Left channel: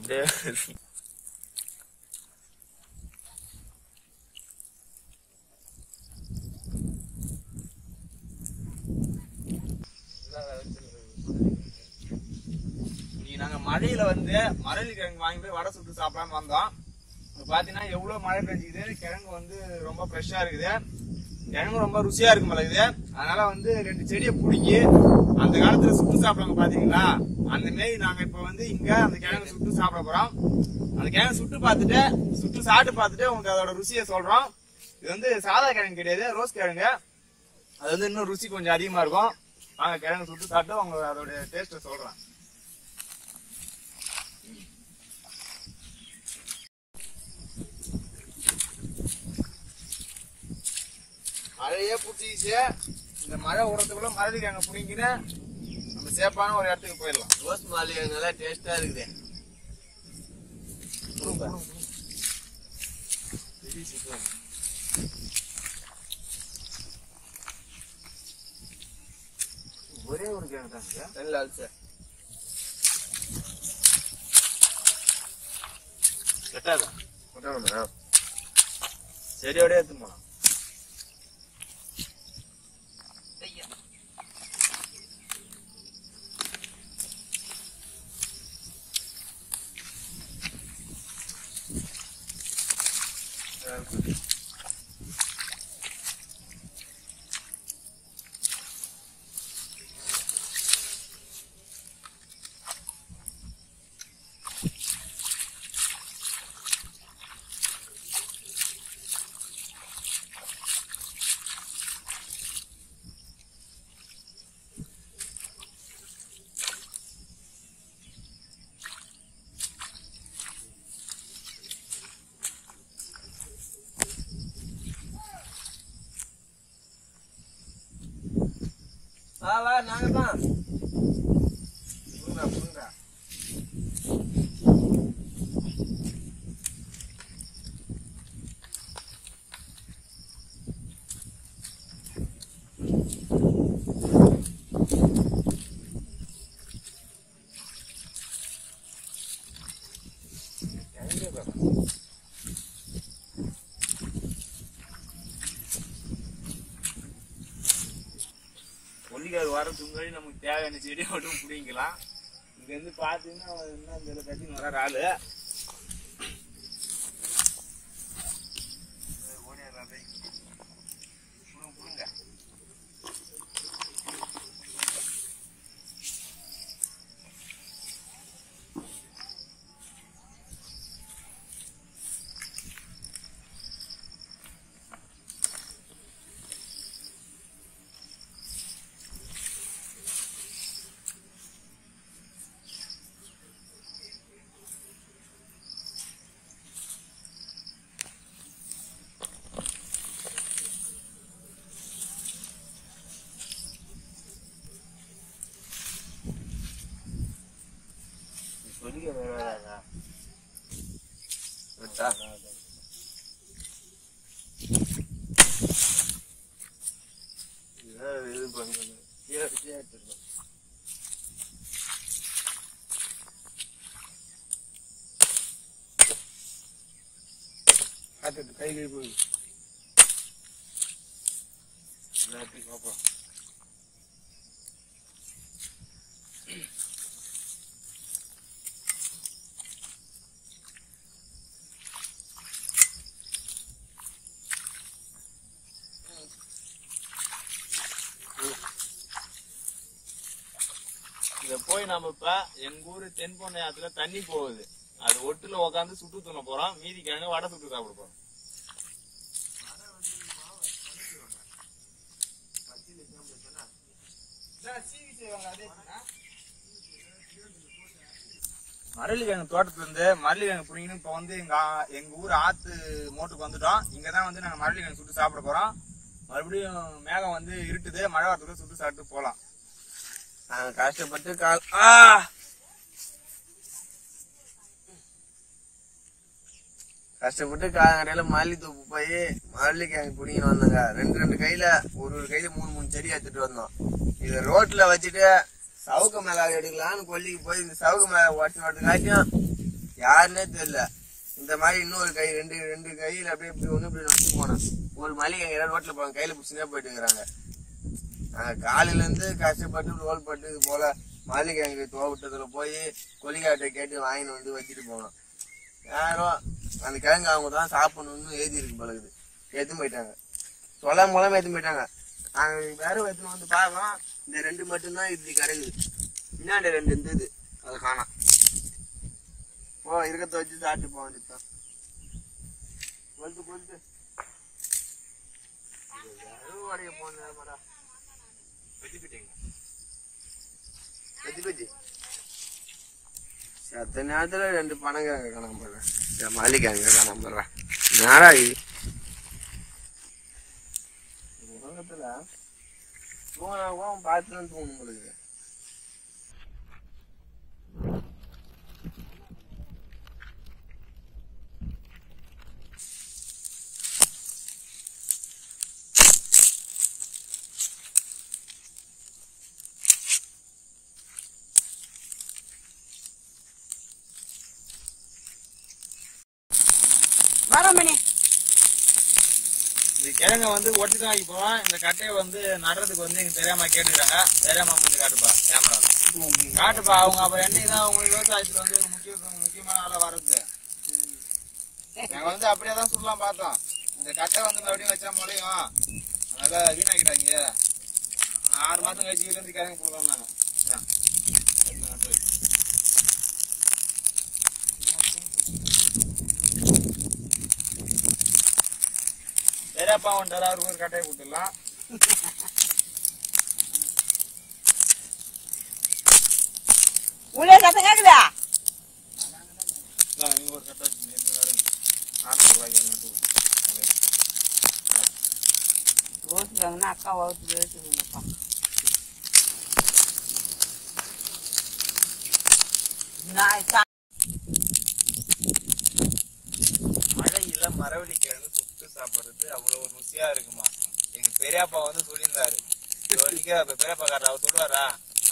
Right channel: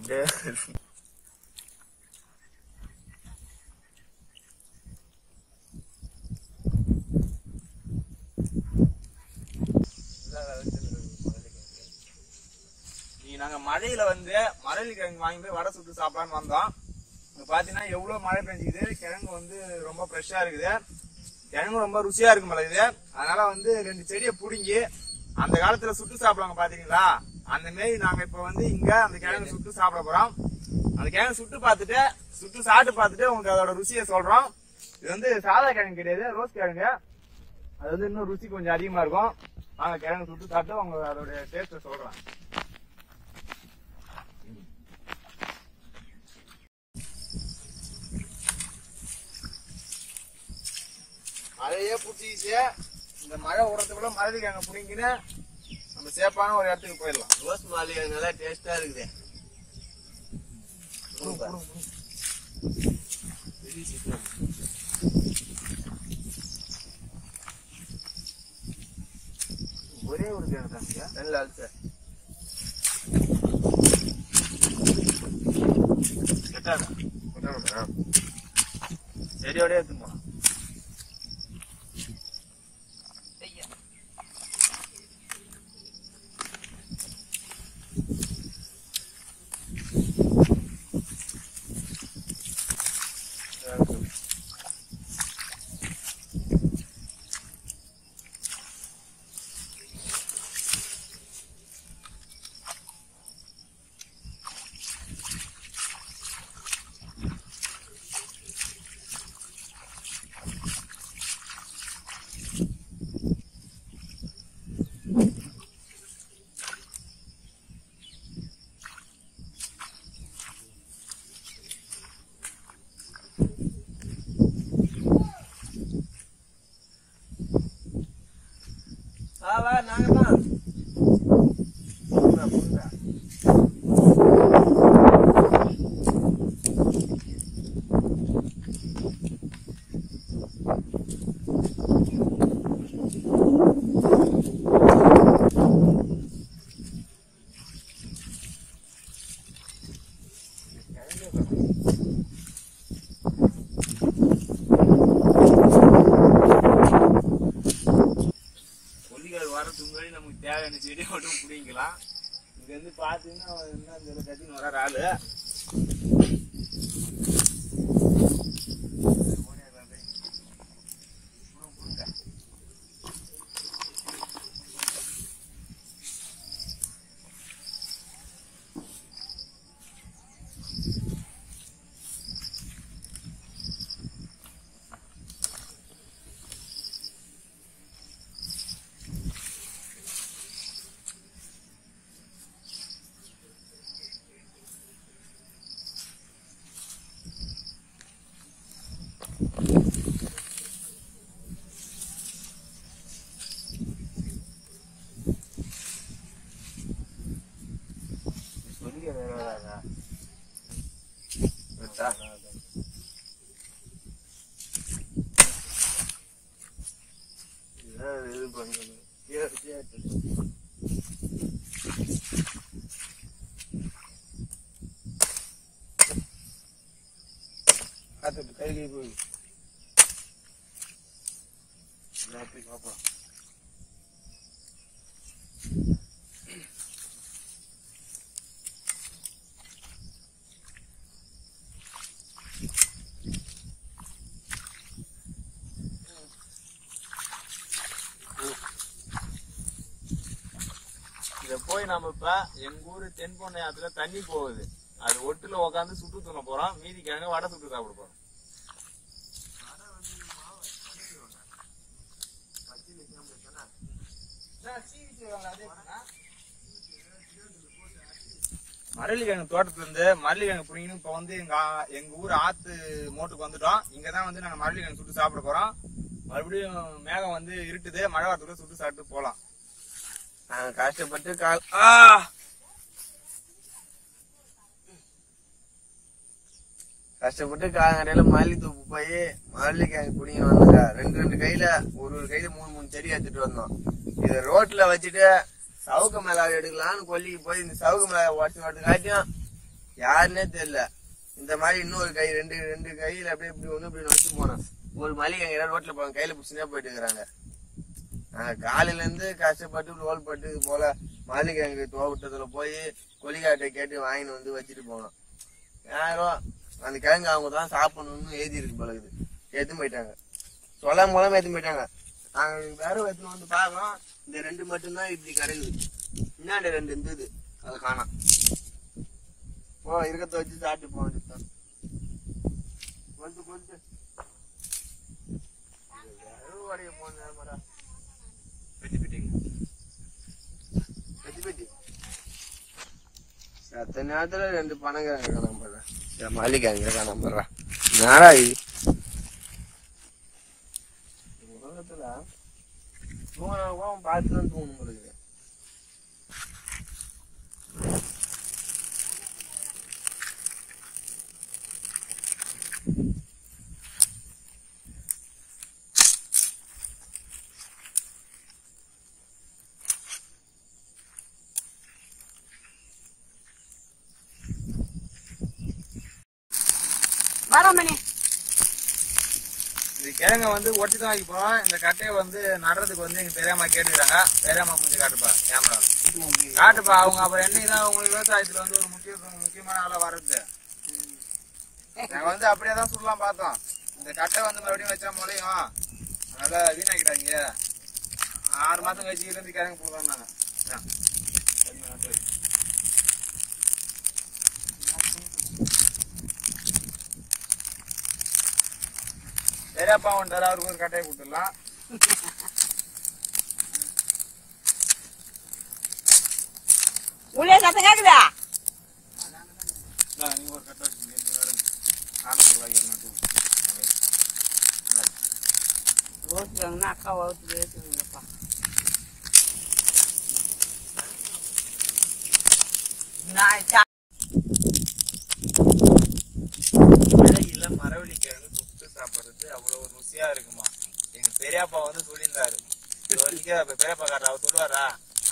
அப்படியே நாங்க மழையில வந்து மரளி கிழங்கு வாங்கி போய் வடை சுட்டு சாப்பிடலான்னு வந்தோம். பாத்தீங்கன்னா எவ்வளவு மழை பெஞ்சுக்குது. கிழங்கு வந்து ரொம்ப ஃப்ரெஷ்ஷா இருக்குது. கிழங்கு ரொம்ப ருசியா இருக்கும் போல இது. அதனால வந்து 2 செடியை பிடிங்கி அந்த காலத்துல சுட்டு சாப்பிடுவாங்க பாத்தீங்களா, அந்த மாரி நாங்க இப்ப வந்து இங்க அந்த கிழங்கு சுட்டு சாப்பிட போறோம். அந்த கிழங்கு சுட்டு சாப்பிட்டு பார்த்துட்டு உங்களுக்கு அதோட ருசியை சொல்றோம். இது வந்து சாதா கிழங்கு கிடையாது, ரோஸ் கிழங்கு. அது வந்து இன்னும் ருசி கொஞ்சம் அதிகமா இருக்கும். நாங்க கிழங்கு சுட்டு சாப்பிட்டு உங்களுக்கு அதோட டேஸ்ட சொல்றோம். மழையே புடிச்சிச்சு. இந்த மழை உரத்துக்குள்ள மரளி கிழங்கு புடிங்கின்னு நம்ம சேஃபான ஒரு இடத்துக்கு போயிடலாம். ரோஸ் மரளி கிழங்கு நல்லா டேஸ்டா இருக்குது. ஒரே ஒரு கிழங்கு தான் நல்லா சார். செடியோட எடுத்து போலாம். வா நாங்க தான் வரதுக்கு முன்னாடி நமக்கு தேவையான செடி மட்டும் பிடிக்கலாம். இங்க இருந்து பாத்தீங்கன்னா இந்த கட்டின்னு வர ஆளு கை போய் பாப்பா இத போய் நம்ம இப்ப எங்க ஊரு தென்பொன்னை ஆத்துல தண்ணி போகுது. அது ஒட்டுல உட்காந்து சுட்டு துண்ண போறோம். மீதி கிழங்கு வடை சுட்டு சாப்பிட போறோம். மரளி கிழங்கு தோட்டத்துல இருந்து மரளி கிழங்கு புடிங்கன்னு இப்ப வந்து எங்க ஊர் ஆத்து மோட்டுக்கு வந்துட்டோம். இங்கதான் வந்து நாங்க மரளி கிழங்கு சுட்டு சாப்பிட போறோம். மறுபடியும் மேகம் வந்து இருட்டுது, மழை வரதுக்குள்ள சுட்டு சாப்பிட்டு போலாம். நாங்க கஷ்டப்பட்டு காலங்கடையில மல்லி தூப்பு போய் மரளி கிழங்கு பிடிங்கி வந்தோங்க. 2 கையில ஒரு கையில 3 செடி எடுத்துட்டு வந்தோம். இது ரோட்ல வச்சுட்டு சவுக்கு மிளகாய் எடுக்கலாம்னு கொல்லிக்கு போய் இந்த சவுக்கு மிளகாய் உடச்சு வரதுக்காட்டியும் யாருன்னே தெரியல. இந்த மாதிரி இன்னொரு கை ரெண்டு கையில அப்படியே இப்படி ஒண்ணு இப்படி வச்சு போனோம். ஒரு மல்லிகை ரோட்ல போவாங்க, கையில புடிச்சுனே போயிட்டு இருக்கிறாங்க. நாங்க காலையில இருந்து கஷ்டப்பட்டு ரோல் பட்டு இது போல மல்லிகை தோட்டத்துல போய் கொலிக்காட்டை கேட்டு வாங்கிட்டு வந்து வச்சுட்டு போனோம். யாரும் அந்த கிழங்கு அவங்க தான் சாப்பிடணும்னு எழுதி இருக்கு பழகுது. எடுத்து போயிட்டாங்க, சொல்ல மூலமா எடுத்து போயிட்டாங்க. நாங்க வேற எடுத்துன்னு வந்து பாக்கோம், இந்த 2 மட்டும்தான் இப்படி கிடங்குது. பின்னாடி 2 இருந்தது, அதை காணோம். இருக்கத்த வச்சு சாப்பிட்டு போக வேண்டியதுதான். கொஞ்சம் அருவாடைய போன நேரமாடா அத்தனை நேரத்துல 2 பனங்கிழங்கு காணாம போடுறேன், மல்லிக்கிழங்கு காணாம போடுறேன். நேரா உலகத்துல தூங்கினா பார்த்துதான் தூங்கணும் போடுது. இந்த கிழங்க வந்து ஒட்டிதான் வைக்க போறோம். இந்த கட்டையை வந்து நடுறதுக்கு வந்து எங்க பெரியம்மா கேட்டுக்கிறாங்க. பெரியம்மா முடிஞ்சு காட்டுப்பா, கேமரா காட்டுப்பா. அவங்க அப்புறம் என்னைக்குதான் உங்களுக்கு விவசாயத்துல வந்து ஒரு முக்கியமான ஆளா வர்றது. நாங்க வந்து அப்படியேதான் சொல்லலாம் பார்த்தோம். இந்த கட்டை வந்து மறுபடியும் வச்சா முளையும், அதனால வீணாக்கிட்டாங்க. 6 மாசம் கழிச்சு இருந்து கிழங்கு போடலாம் நாங்க. பெரியப்பா வந்துட்டாரு, அவருக்கு ஒரு கட்டையை கொடுத்துடலாம். நீங்க ஒரு கட்டை வச்சு அக்கா வகுத்துப்பா. மழையில மரவள்ளி கிழங்கு சுட்டு சாப்பிடுறது அவ்வளவு ருசியா இருக்குமா. எங்க பெரியப்பா வந்து சொல்லியிருந்தாரு. பெரியப்பா காட்டுற அவர் சொல்லுவாரா,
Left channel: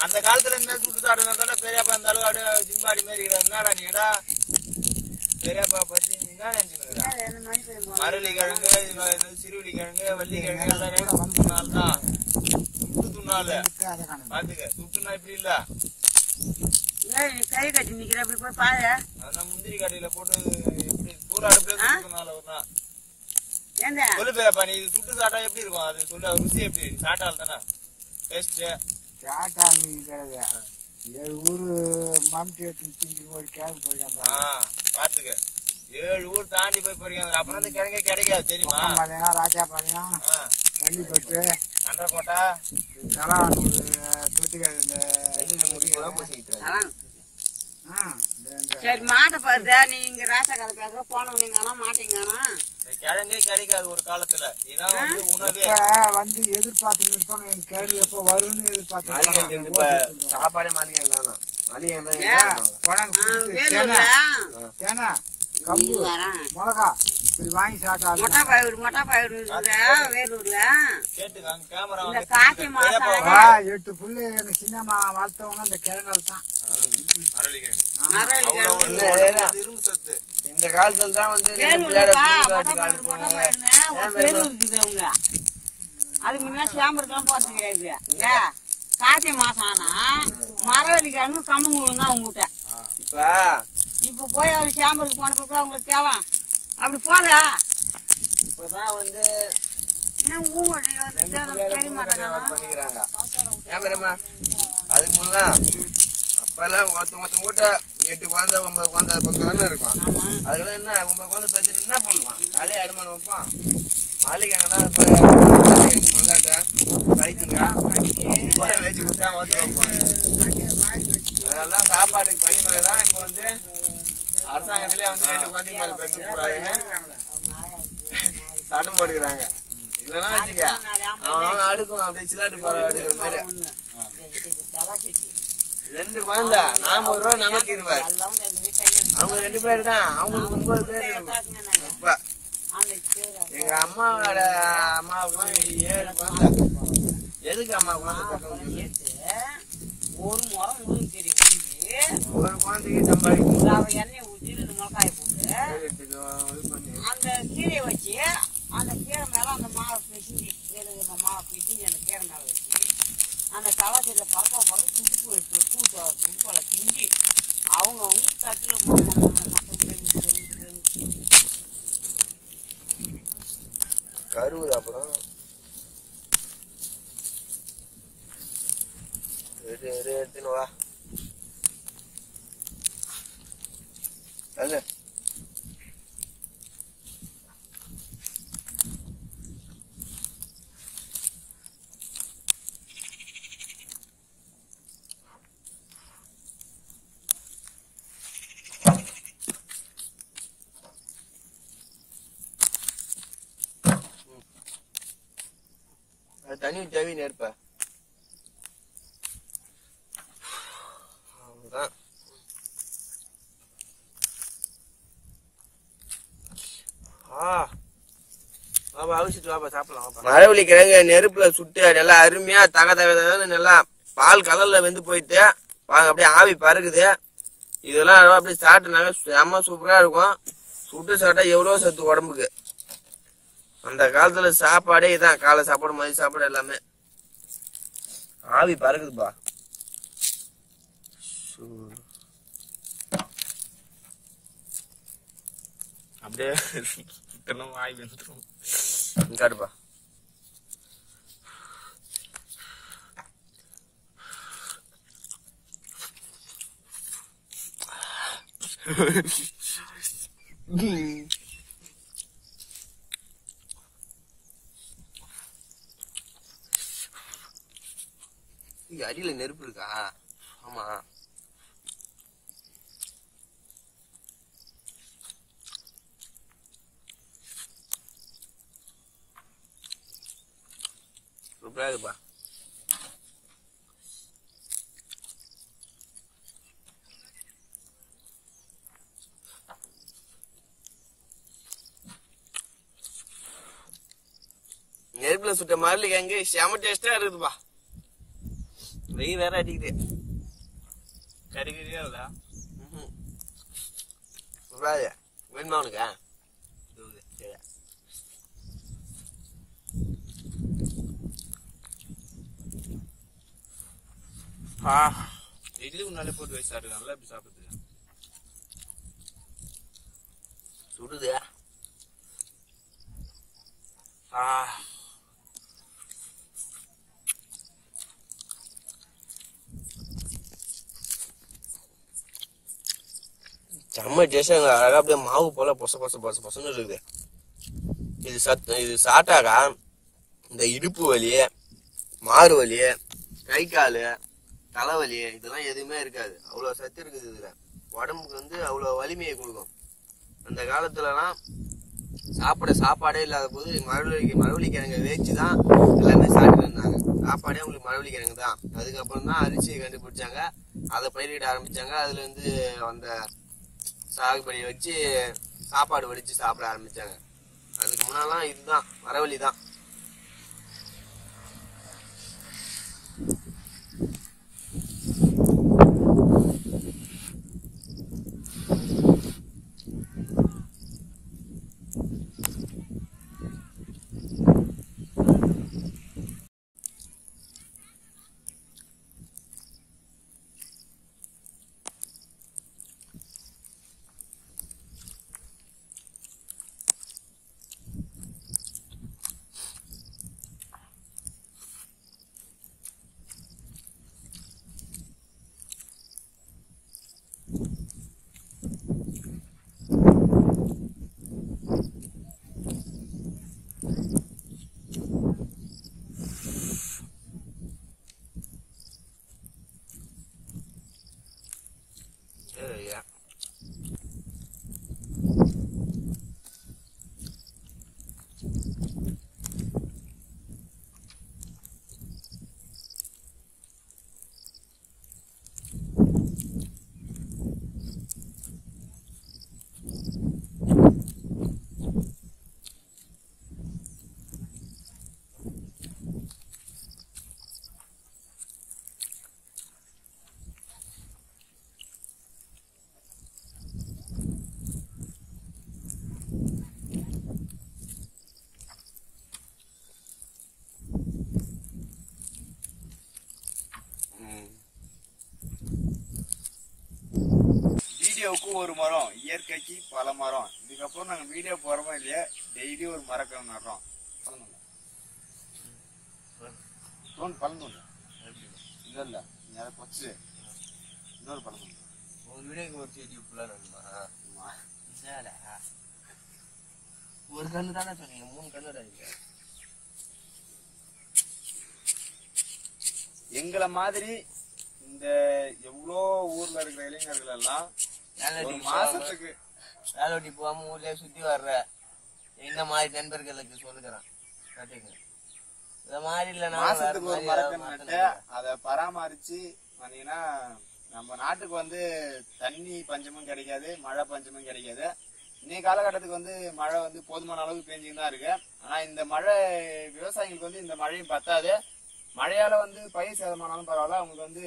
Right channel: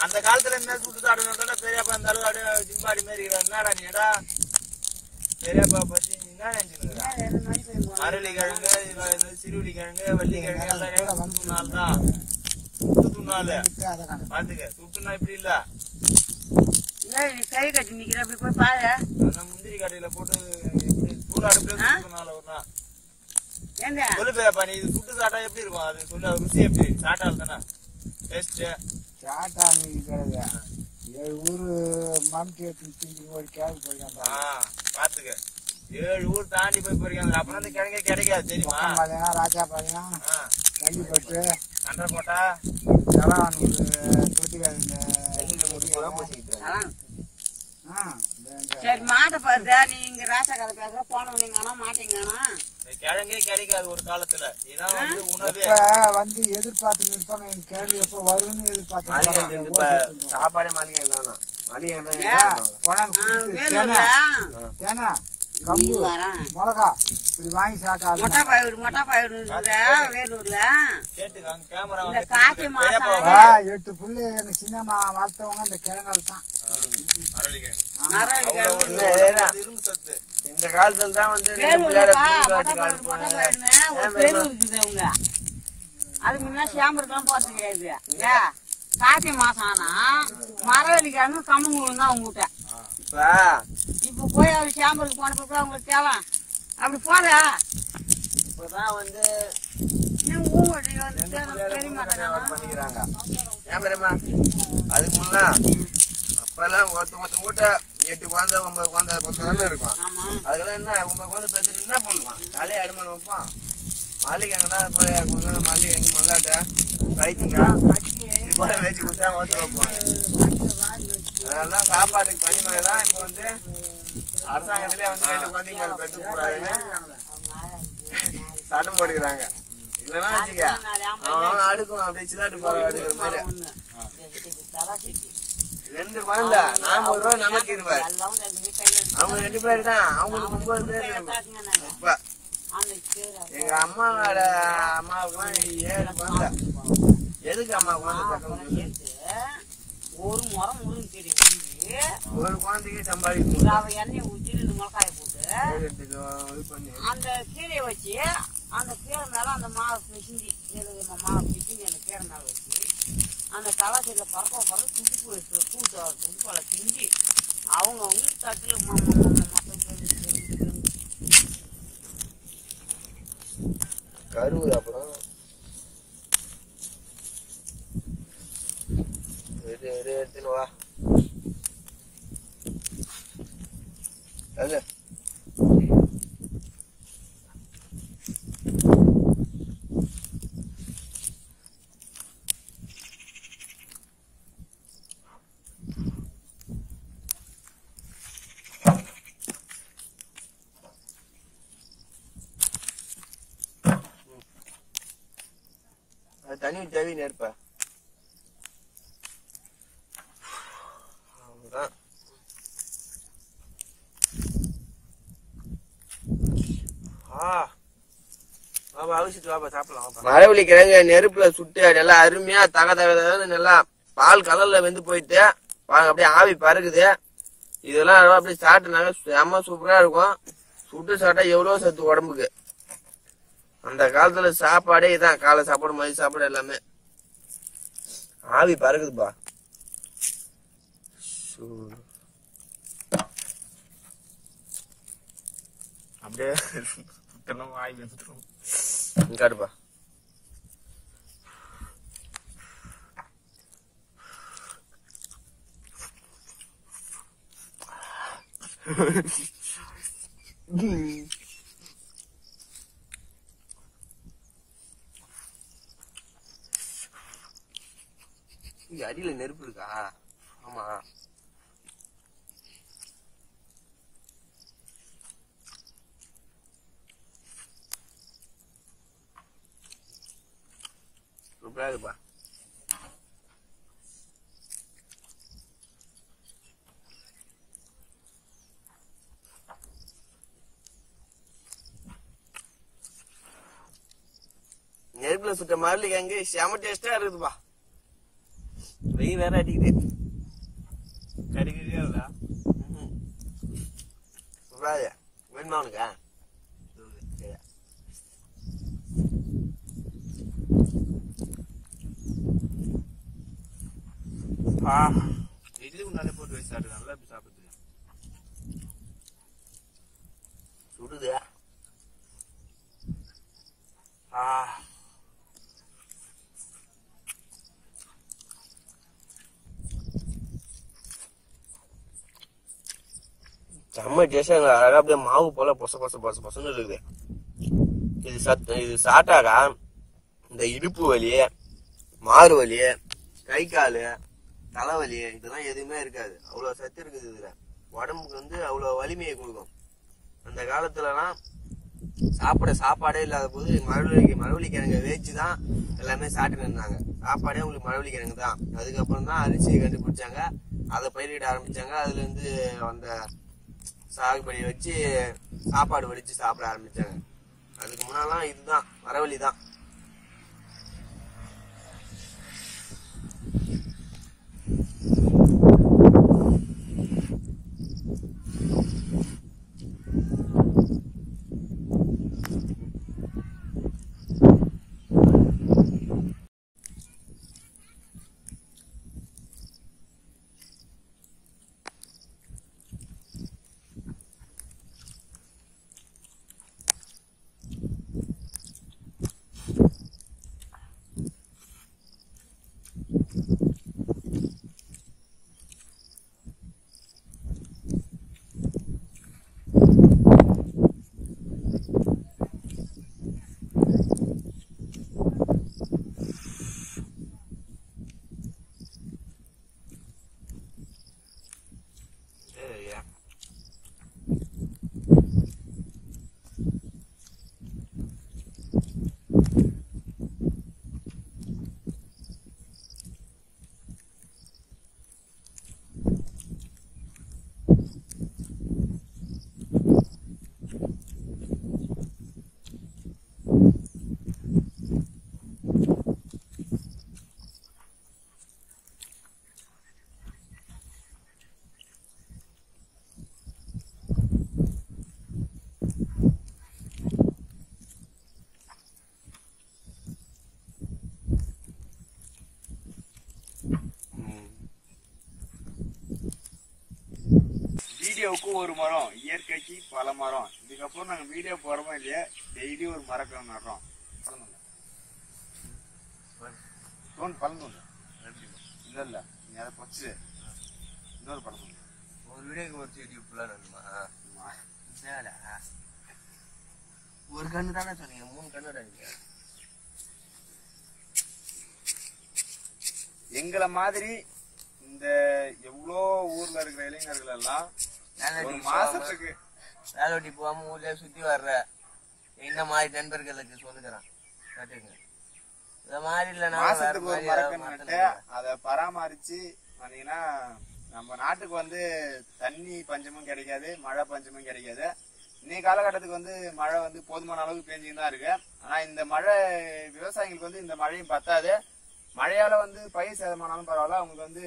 அந்த காலத்துல இந்த சுட்டு சாப்பிடுறதுனால பெரியப்பா இந்த அளவு அப்படியே ஜிம்பாடி மாரி என்னடா நீடா பெரியப்பா பத்தி என்ன நினைச்சுருக்கா. மரவள்ளி கிழங்கு, சிறுவள்ளி கிழங்கு, வள்ளி கிழங்கு எல்லா கிழங்கு சுட்டுனால்தான். சுட்டு துண்ணாலு பாத்துக்க, சுட்டுனா இப்படி இல்ல. முந்திரி கடையில போட்டு சூடு அடுப்புல சுட்டுனால ஒரு நாள் சொல்லு பெரியப்பா. நீ இது சுட்டு சாப்பிட்டா எப்படி இருக்கும், அது சொல்லு, ருசி எப்படி? சாட்டால் தானே டேஸ்ட். பாத்துக்க, 7 ஊர் தாண்டி போய் போயிருக்காங்க. அப்புறம் அந்த கிழங்கே கிடைக்காது தெரியுமா. கண்டக்கோட்டா சரி மாட்டை பார்த்து நீங்க ராசா கதை பேச போனவங்க மாட்டீங்கன்னா கிழங்கே கிடைக்காது ஒரு காலத்துல. இதான் வந்து உணவே வந்து எதிர்பார்த்து கேள்வி எப்ப வரும்னு எதிர்பார்த்து சாப்பாடே மளிகை தானா, மளிகை மிளகா இது வாங்கி சாப்பிட்டா மொட்டை பயிர் வேலூர்ல கேட்டுக்காங்க கேமரா இந்த காக்கி மாசம் 8 புள்ளி எங்க சின்னம்மா வளர்த்தவங்க அந்த கிழங்கு தான். இந்த காலத்துல தான் வந்து அதுக்கு முன்னா சேம்பருக்கெல்லாம் போறது கிடையாது. கார்த்திகை மாசம் ஆனா மரவள்ளிக்காரங்க கம்மங்கூழ் தான் உங்ககிட்ட. இப்ப போய் அவரு சேம்பருக்கு போன பிறகு அவங்களுக்கு தேவை அப்படி போத. இப்பதான் வந்து பண்ணிக்கிறாங்க. அதுக்கு முன்னா அப்பெல்லாம் ஒருத்த மூட்டை 8 குழந்தை 9 குழந்தை 10 தானே இருக்கும். அதுல என்ன 9 குழந்தை பெற்று என்ன பண்ணுவான், தலையை அடிமணி வைப்பான். மாளிகைங்கன்னா மல்லாட்ட கழிச்சுங்க வச்சு குத்தா ஓட்டு வைப்பாங்க. அதனாலதான் சாப்பாட்டுக்கு பணிமுறைதான் இப்ப வந்து அரசாங்கத்திலே வந்து 2 குழந்தைங்க மேல பெற்று கூடாதுன்னு சட்டம் போட்டுக்கிறாங்க. இல்லைன்னா வச்சுக்க அவன் அடுக்கும் அப்படியே சிலாட்டு போற அடுக்கிற மாதிரி. 2 குழந்தை 40 ரூபாய் நமக்கு 20. அவங்க 2 பேர் தான், அவங்களுக்கு 9 பேர் இருக்கும். இப்ப எங்க அம்மாவோட அம்மாவுக்குலாம் 7 குழந்தை. எதுக்கு அம்மா குழந்தை பக்கம் ஒரு முறை தெரியும் ஒரு குழந்தைக்கு சம்பாதிக்கும். எண்ணெய் ஊற்றி கீழே மிளகாய் போட்டு இது பண்ணி அந்த கீரையை வச்சு அந்த கீரை மேல அந்த மாவை பிசிஞ்சி மாவை பிசிஞ்சி அந்த கீரை மேல வச்சு அந்த தவசையில பறக்க பறக்க குஞ்சு வச்சு குஞ்சு செஞ்சு அவங்க தட்டுல கருவுது அப்புறம் எடுத்துன்னு வா அங்க தண்ணி ஊற்றி நெருப்ப அவ்வளவுதான். மரவள்ளி கிழங்கு நெருப்புல சுட்டு நல்லா அருமையா தக நல்லா பால் கலர்ல வெந்து போயிட்டு அப்படியே ஆவி பறக்குது. இதெல்லாம் அப்படியே சாப்பிட்டுனாங்க செம்ம சூப்பரா இருக்கும். சுட்டு சாப்பிட்டா எவ்வளவு சத்து உடம்புக்கு. அந்த காலத்துல சாப்பாடே இதான், காலை சாப்பாடு மதிய சாப்பாடு எல்லாமே ஆவி பறக்குதுப்பா. அப்படியே வாய் வந்துடும். காட்டுப்பா. அடியில நெருப்பு இருக்கா? ஆமா. சூப்பரா இருக்குப்பா. நெருப்புல சுட்ட மரலி கிழங்கு செம டேஸ்டா இருக்குதுப்பா. வெயில் வேற அடிக்குது. கறிக்கறியா இல்ல வேணுமா உனக்கா? இட்லி முன்னாலே போட்டு வச்சு சாப்பிடுறாங்கல்ல, இப்படி சாப்பிடுறது சுடுது. செம்ம டேஸ்டா அழகா அப்படியே மாவு போல பொசன்னு இருக்குது. இது சாப்பிட்டாக்கா இந்த இடுப்பு வலி, மாறு வலி, கை காலு, தலைவலி இதெல்லாம் எதுவுமே இருக்காது. அவ்வளவு சத்து இருக்குது இதுல. உடம்புக்கு வந்து அவ்வளவு வலிமையை கொடுக்கும். அந்த காலத்துலலாம் சாப்பாடே இல்லாத போது மரவள்ளி கிழங்கை வேச்சுதான் எல்லாமே சாப்பிட்டு இருந்தாங்க. சாப்பாடே உங்களுக்கு மரவள்ளி கிழங்கு தான். அதுக்கப்புறம் தான் அரிசியை கண்டுபிடிச்சாங்க, அதை பயிரிட ஆரம்பிச்சாங்க. அதுல இருந்து அந்த சாகுபடி வச்சு சாப்பாடு வடிச்சு சாப்பிட ஆரம்பிச்சாங்க. அதுக்கு முன்னாலாம் இதுதான் மரவள்ளி தான். வீடியோவுக்கு ஒரு மரம், இயற்கைக்கு பல மரம். இதுக்கப்புறம் நாங்க வீடியோ போறோமோ இல்லையா, டெய்லி ஒரு மரக்கன்று நடுறோம். பழம் இல்ல நீ அதை பொச்சு இன்னொரு பழம் ஒரு வீடியோக்கு ஒரு செடி ஃபுல்லா நடுமா? ஒரு கண்ணு தானே சொன்னீங்க, 3 கண்ணு நடுங்க. எங்களை மாதிரி இந்த எவ்வளோ ஊர்ல இருக்கிற இளைஞர்கள் எல்லாம் ஒரு மாசத்துக்கு வேலை வெட்டி போகாம ஊர்லயே சுத்தி வர்ற இந்த மாதிரி நண்பர்களுக்கு சொல்லுகிறேன் கேட்டுங்க. இந்த மாதிரி இல்லைன்னா மாசத்துக்கு ஒரு மரக்கன்று நட்டு அதை பராமரிச்சு வந்தீங்கன்னா நம்ம நாட்டுக்கு வந்து தண்ணி பஞ்சமும் கிடைக்காது, மழை பஞ்சமும் கிடைக்காது. இன்னைய காலகட்டத்துக்கு வந்து மழை வந்து போதுமான அளவுக்கு பெஞ்சுன்னு தான் இருக்கு. ஆனா இந்த மழை விவசாயிகளுக்கு வந்து இந்த மழையும் பத்தாது. மழையால வந்து பயிர் சேதமானாலும் பரவாயில்ல, அவங்களுக்கு வந்து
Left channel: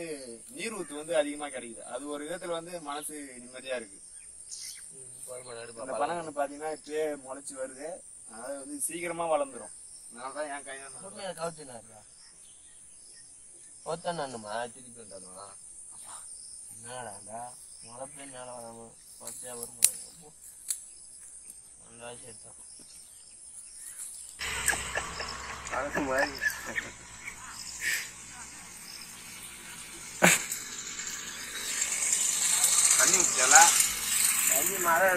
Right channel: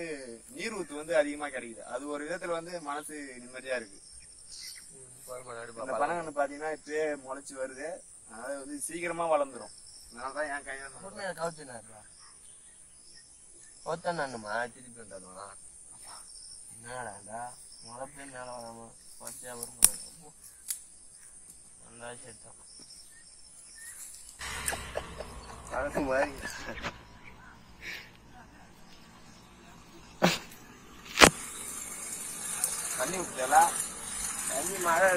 நீர் ஊத்து வந்து அதிகமா கிடைக்குது. அது ஒரு விதத்துல வந்து மனசு நிம்மதியா இருக்கு. இந்த பனங்கன்னு பாத்தீங்கன்னா இப்பயே முளைச்சு வருது, அதாவது வந்து சீக்கிரமா வளர்ந்துரும். அதனாலதான் என் கையில கவுத்தண்ணா திருப்பி வந்தாலுமா என்னடாண்டா முளைப்பே மேல வராம பச்சையா வரும். நல்லா சேர்த்தான் தண்ணி ஊற்றல, தண்ணி மழை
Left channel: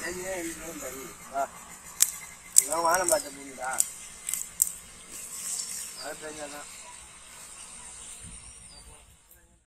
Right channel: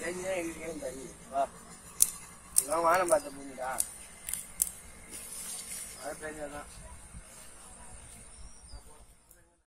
தண்ணியே இருக்கிறேன் தண்ணி வானம் பார்த்த பூமிடா. மழை பெஞ்சாதான்